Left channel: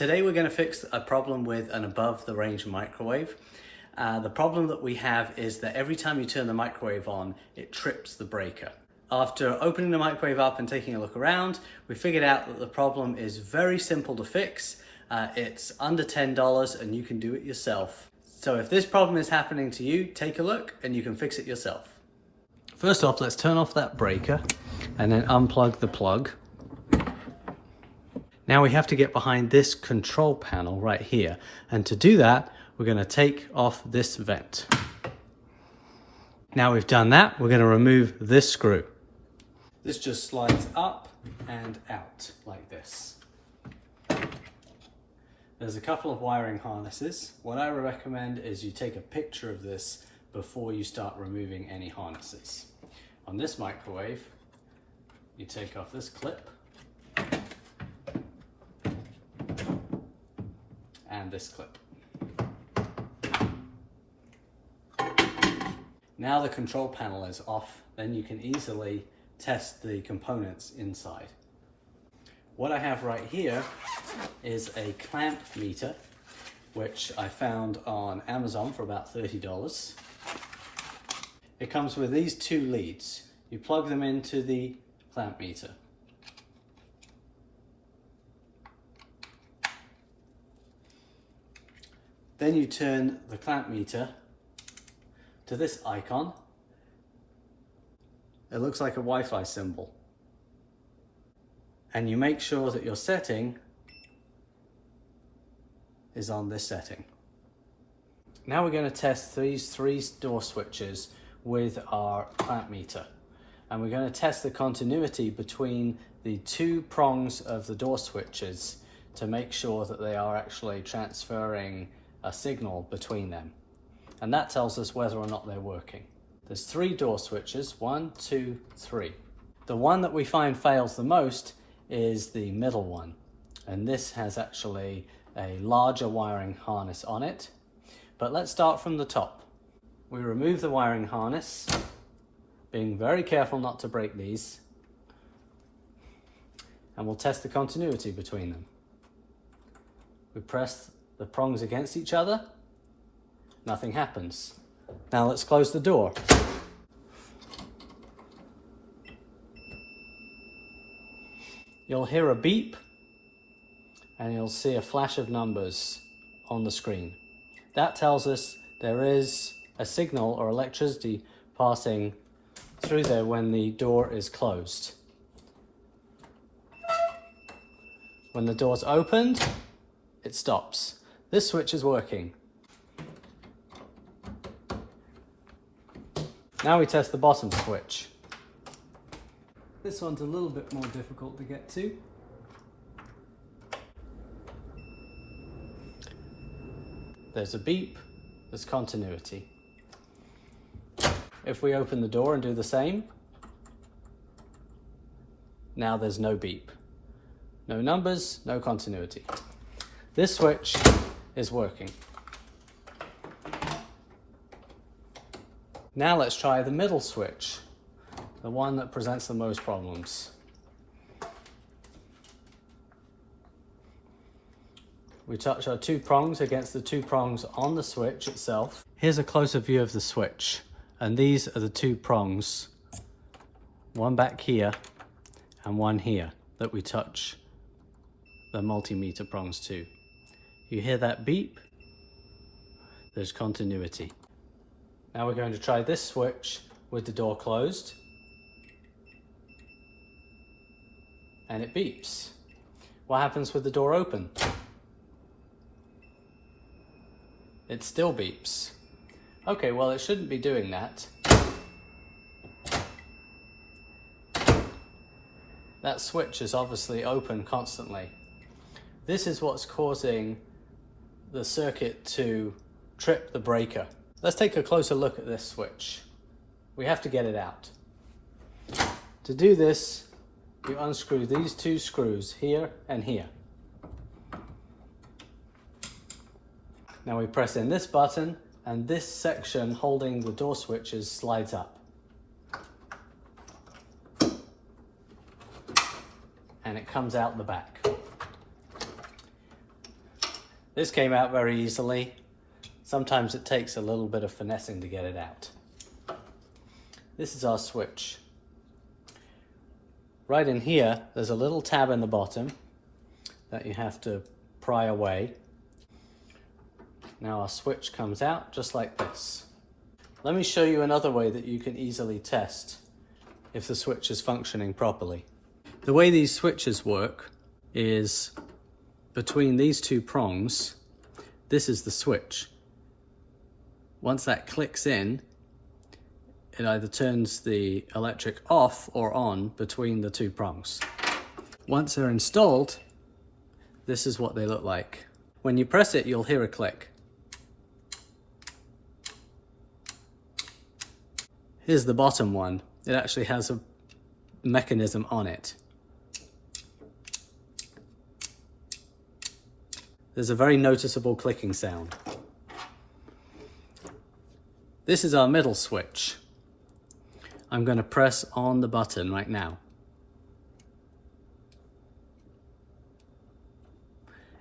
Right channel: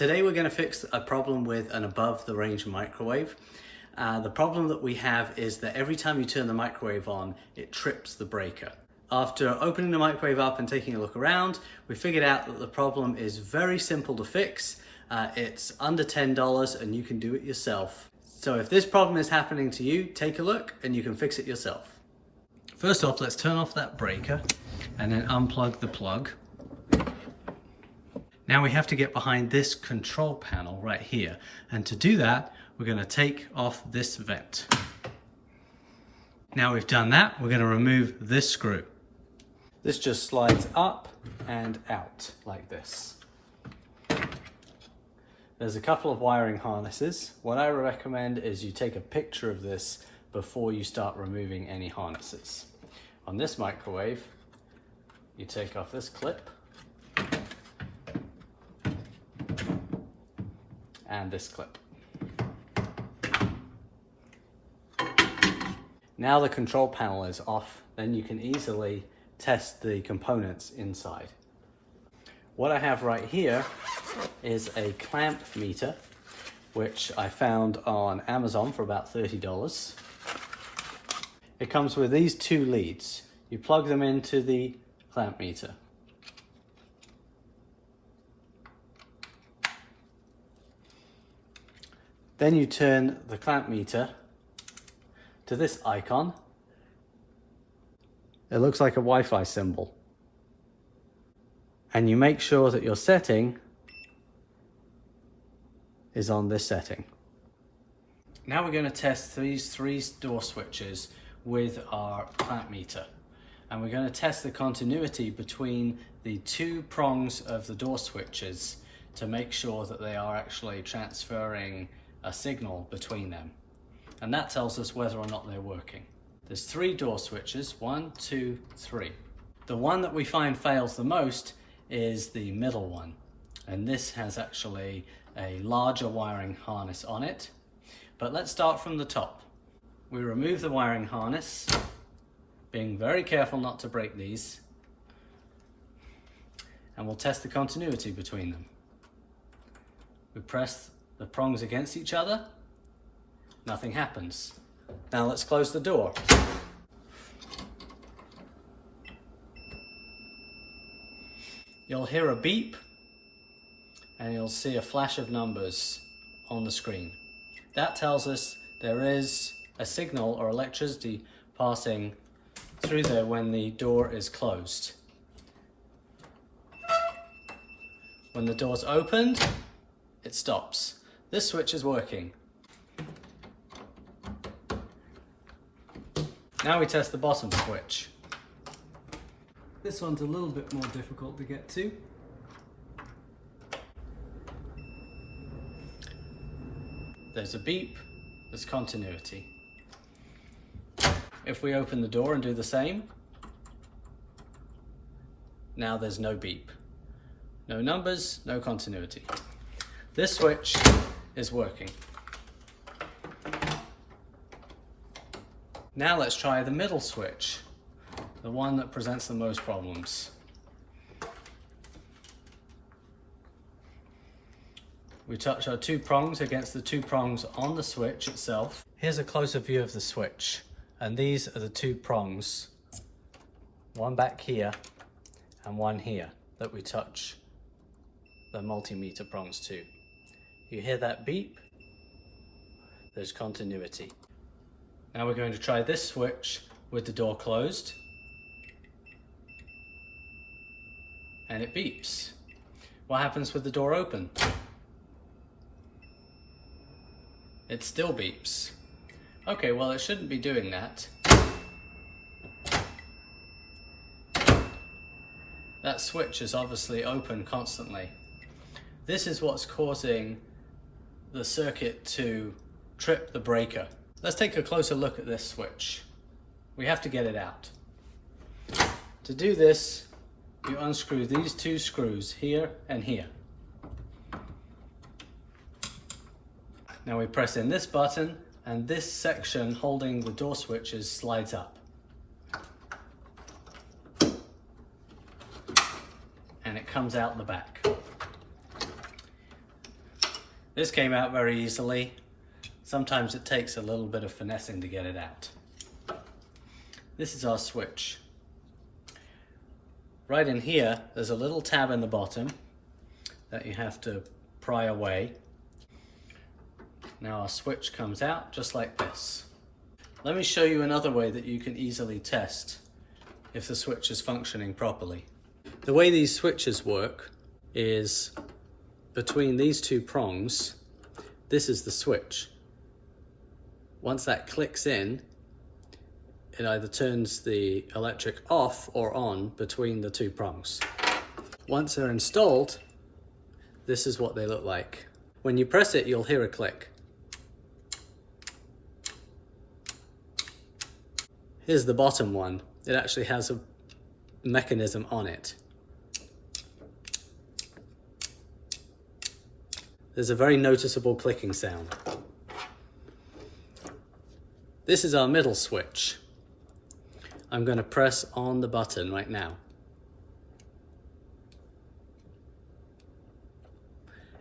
Today we're going to fix a problem with an above the range microwave. The problem that we have is that every time you turn the microwave on, it trips the breaker. After opening the microwave up and taking a look around, we figured out that the problem is very simple to fix. It's under $10 and you can do it yourself. So if this problem is happening to you, take a look and you can fix it yourself. First off, let's turn off that breaker and then unplug the plug. Now we have to get behind this control panel right here. And to do that, we're going to take off this vent. Now we've done that, we're going to remove this screw. This just slides up and out like this. There's a couple of wiring harnesses. What I recommend is you take a picture of this before you start removing any harnesses. On this microwave, you take off this clip and this clip. Now the control panel is off, then you can easily test the components inside. What I have right here is a clamp meter, which I found on Amazon for about $30. It comes with these two leads. You plug them into the clamp meter. Then you turn the clamp meter to this icon. It looks like a Wi-Fi symbol. And you make sure that your setting is on this setting. Now we're going to test these three door switches with our clamp meter. And we're going to test the continuity between the two prongs of the door switches to make sure that they are actually transferring a signal between them. And that tells us whether or not they're working. There's three door switches, 1, 2, 3. The one that we find fails the most is the middle one. And this has actually a larger wiring harness on it. But let's start from the top. We remove the wiring harness, being very careful not to break these. And we'll test the continuity between them. We press the prongs against each other. Nothing happens. Now let's close the door. You'll hear a beep and you'll see a flash of numbers on the screen. That tells us there is a signal or electricity passing through there when the door is closed. When the door's opened, it stops. This switch is working. Now we test the bottom switch. This one's a little bit more difficult to get to. There's a beep, there's continuity. If we open the door and do the same, now there's no beep. No numbers, no continuity. This switch is working. Now let's try the middle switch, the one that presents the most problems. We touch our two prongs against the two prongs on the switch itself. Here's a closer view of the switch, and these are the two prongs, one back here and one here, that we touch the multimeter prongs to. You hear that beep? There's continuity. Now we're going to try this switch with the door closed. And it beeps. What happens with the door open? It still beeps. Okay, well, it shouldn't be doing that. That switch is obviously open constantly. This is what's causing the circuit to trip the breaker. Let's take a closer look at this switch. We have to get it out. To do this, you unscrew these two screws here and here. Now we press in this button and this section holding the door switches slides up. And it comes out the back. This came out very easily. Sometimes it takes a little bit of finessing to get it out. This is our switch. Right in here, there's a little tab in the bottom that you have to pry away. Now our switch comes out just like this. Let me show you another way that you can easily test if the switch is functioning properly. The way these switches work is between these two prongs, this is the switch. Once that clicks in, it either turns the electric off or on between the two prongs. Once they're installed, this is what they look like. When you press it, you'll hear a click. Here's the bottom one. It actually has a mechanism on it. There's a very noticeable clicking sound. This is our middle switch. I'm going to press on the button right now.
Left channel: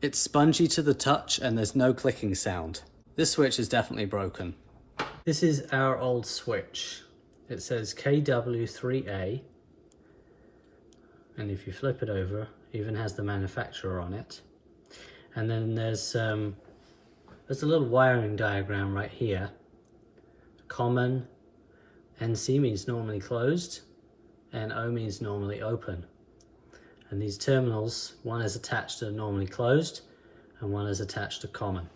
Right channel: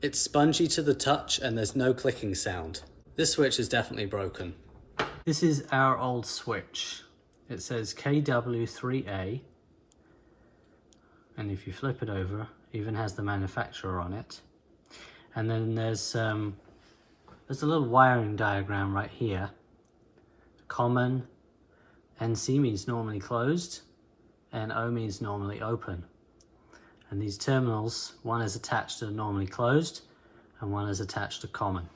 It's spongy to the touch and there's no clicking sound. This switch is definitely broken. This is our old switch. It says KW3A, and if you flip it over, it even has the manufacturer on it. And then there's a little wiring diagram right here. Common, NC means normally closed, and O means normally open. And these terminals, one is attached to normally closed, and one is attached to common.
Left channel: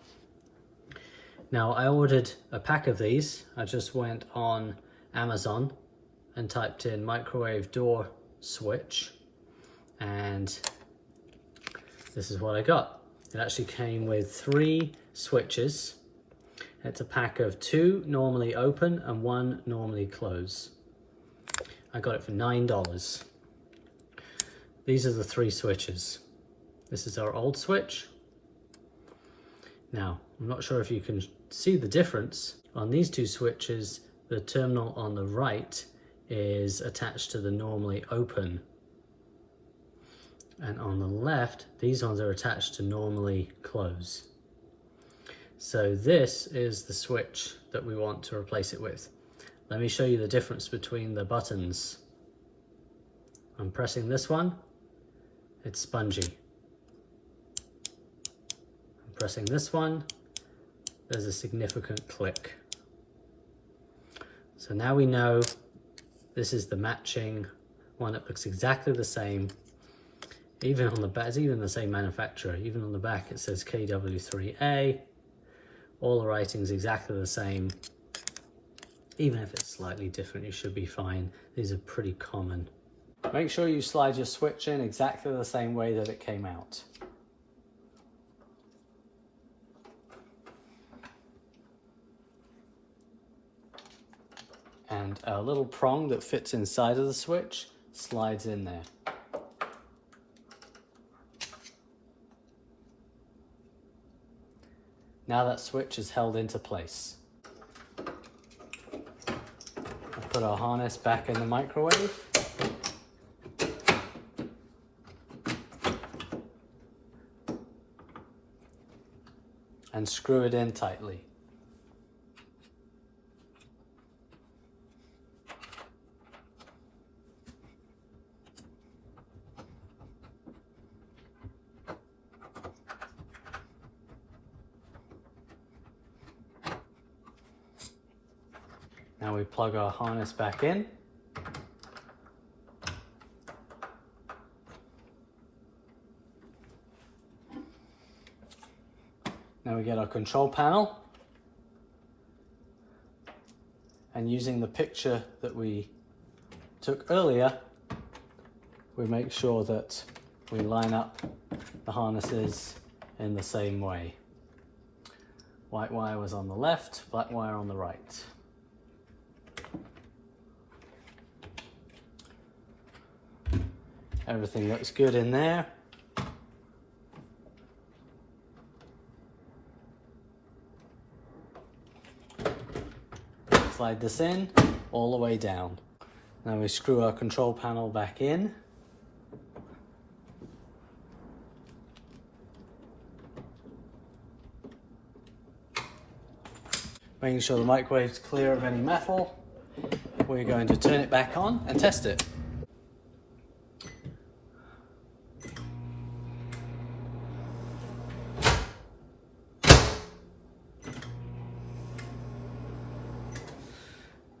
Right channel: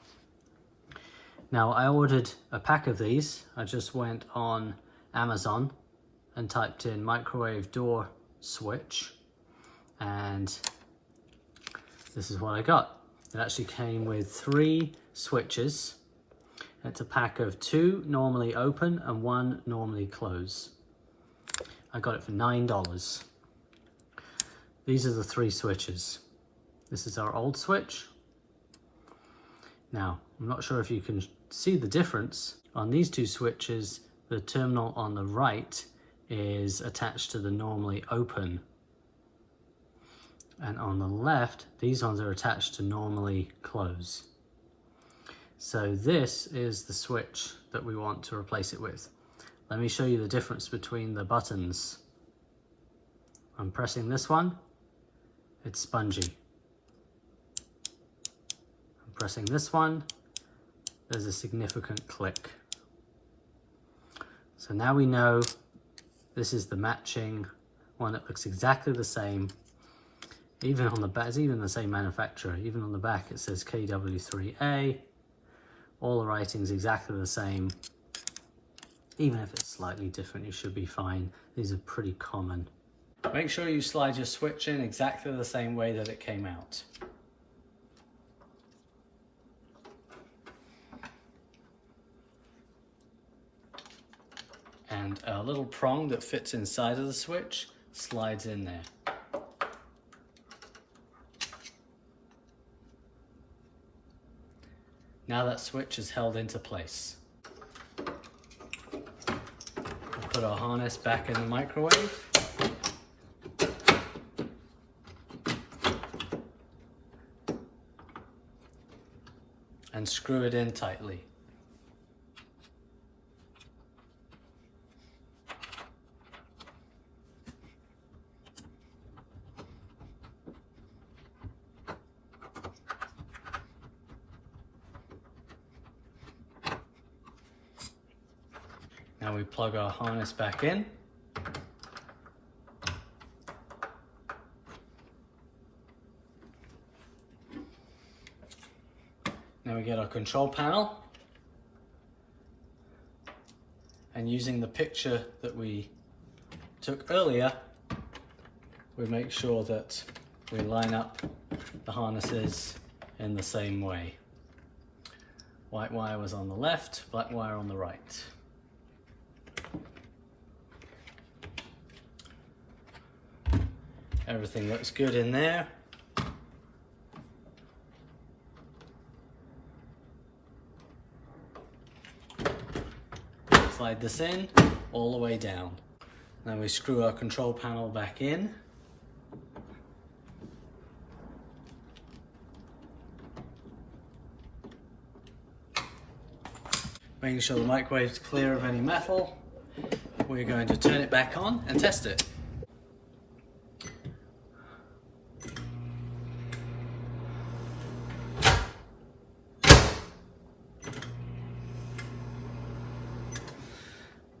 Now I ordered a pack of these. I just went on Amazon and typed in microwave door switch, and this is what I got. It actually came with 3 switches. It's a pack of 2 normally open and 1 normally close. I got it for $9. These are the 3 switches. This is our old switch. Now, I'm not sure if you can see the difference. On these 2 switches, the terminal on the right is attached to the normally open. And on the left, these ones are attached to normally close. So this is the switch that we want to replace it with. Let me show you the difference between the buttons. I'm pressing this one, it's spongy. I'm pressing this one, there's a significant click. So now we know this is the matching one that looks exactly the same. Even on the back, it's even the same manufacturer. Even on the back it says KW3A. All the writing's exactly the same. Even if it's slightly different, you should be fine. These are pretty common. Make sure you slide your switch in exactly the same way that it came out. And a little prong that fits inside of the switch slides in there. Now that switch is held into place. I'll put our harness back in the microwave. And screw it in tightly. Now we plug our harness back in. Now we get our control panel, and using the picture that we took earlier, we make sure that we line up the harnesses in the same way. White wire was on the left, black wire on the right. Everything looks good in there. Slide this in all the way down. Now we screw our control panel back in. Making sure the microwave's clear of any metal. We're going to turn it back on and test it.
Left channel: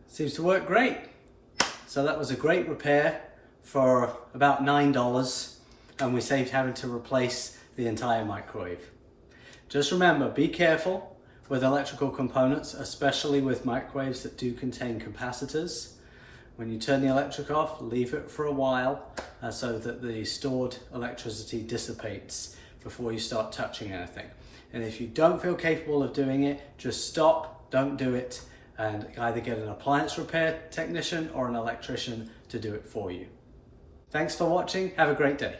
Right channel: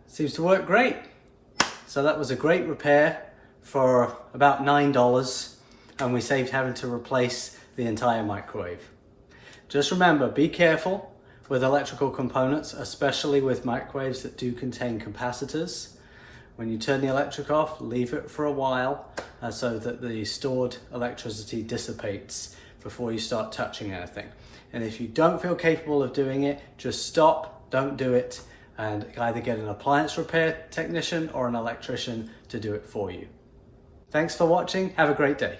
Seems to work great. So that was a great repair for about $9, and we saved having to replace the entire microwave. Just remember, be careful with electrical components, especially with microwaves that do contain capacitors. When you turn the electric off, leave it for a while so that the stored electricity dissipates before you start touching anything. And if you don't feel capable of doing it, just stop, don't do it, and either get an appliance repair technician or an electrician to do it for you. Thanks for watching. Have a great day.